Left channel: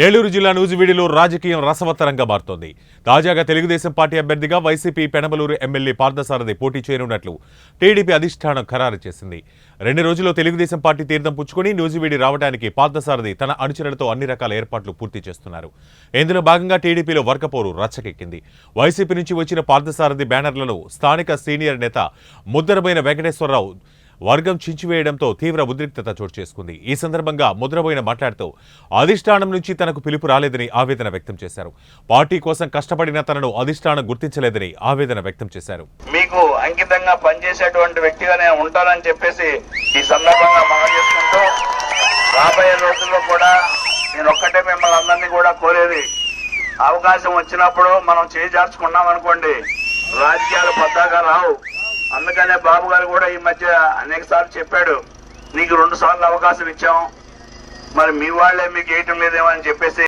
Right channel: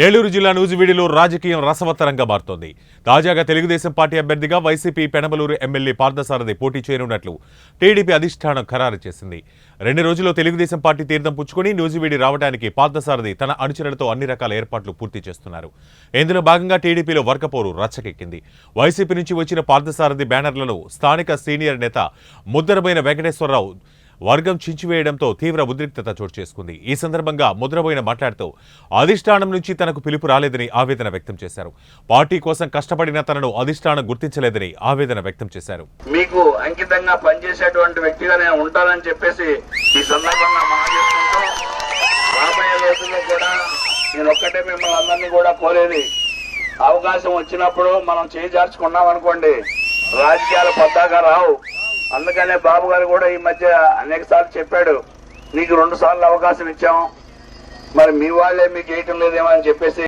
ఏలూరు జిల్లా నూజివీడులో రాజకీయం రసవత్తరంగా మారుతోంది. తాజాగా తెలుగుదేశం పార్టీ అభ్యర్థిగా వైసీపీ పెనమలూరు ఎమ్మెల్యే పార్థసారథి పోటీ చేయనున్నట్లు టీడీపీ అధిష్టానం ఖరారు చేసింది. 2 రోజుల్లో తెలుగుదేశం పార్టీ తీర్థం పుచ్చుకొని నూజివీడి రావడానికి పార్థసారథి తన అనుచరులతో అన్ని రకాల ఏర్పాట్లు పూర్తి చేస్తున్నారు. ఇందులో భాగంగా టీడీపీలో వర్గపోరు రచ్చకెక్కింది. వైసీపీ నుంచి వచ్చిన పార్థసారథి బ్యానర్లను స్థానిక సీనియర్ నేత ముద్దరబోయిన వెంకటేశ్వరరావు వర్గం చించివేయడంతో తీవ్ర ఉద్రిక్తత చోటు చేసుకుంది. ఈ సందర్భంగా ముద్రబోయిన మాట్లాడుతూ అధిష్టానం నుంచి తనకు పిలుపు రాలేదని ఆవేదన వ్యక్తం చేశారు. పార్టీ కోసం కష్టపడిన తనను అధిష్టానం గుర్తించలేదని ఆవేదన వ్యక్తం చేశారు. మీకు అంకితంగా పనిచేసేటువంటి వ్యక్తిగానే ఉంటారని చెప్పేసి ఈ సందర్భంగా మాట్లాడుకుంటూ రాబోయే రోజుల్లో కూడా నేను ఒక్కటే మిమ్మల్ని అందరినీ కూడా కోరేది, అవకాశం వచ్చినప్పుడు మనం చేజార్చుకున్నాం అనుకోండి, రాజకీయాలు పద్దాగా రావు. అందుకనే బాబు గారు కూడా ఈ మధ్య అనేక సార్లు చెప్పాడు, నీకు 2 సార్లు అవకాశం ఇచ్చాం, మరి మీ వాళ్లే మీకు వేయటం లేదేమో అని చెప్పేసి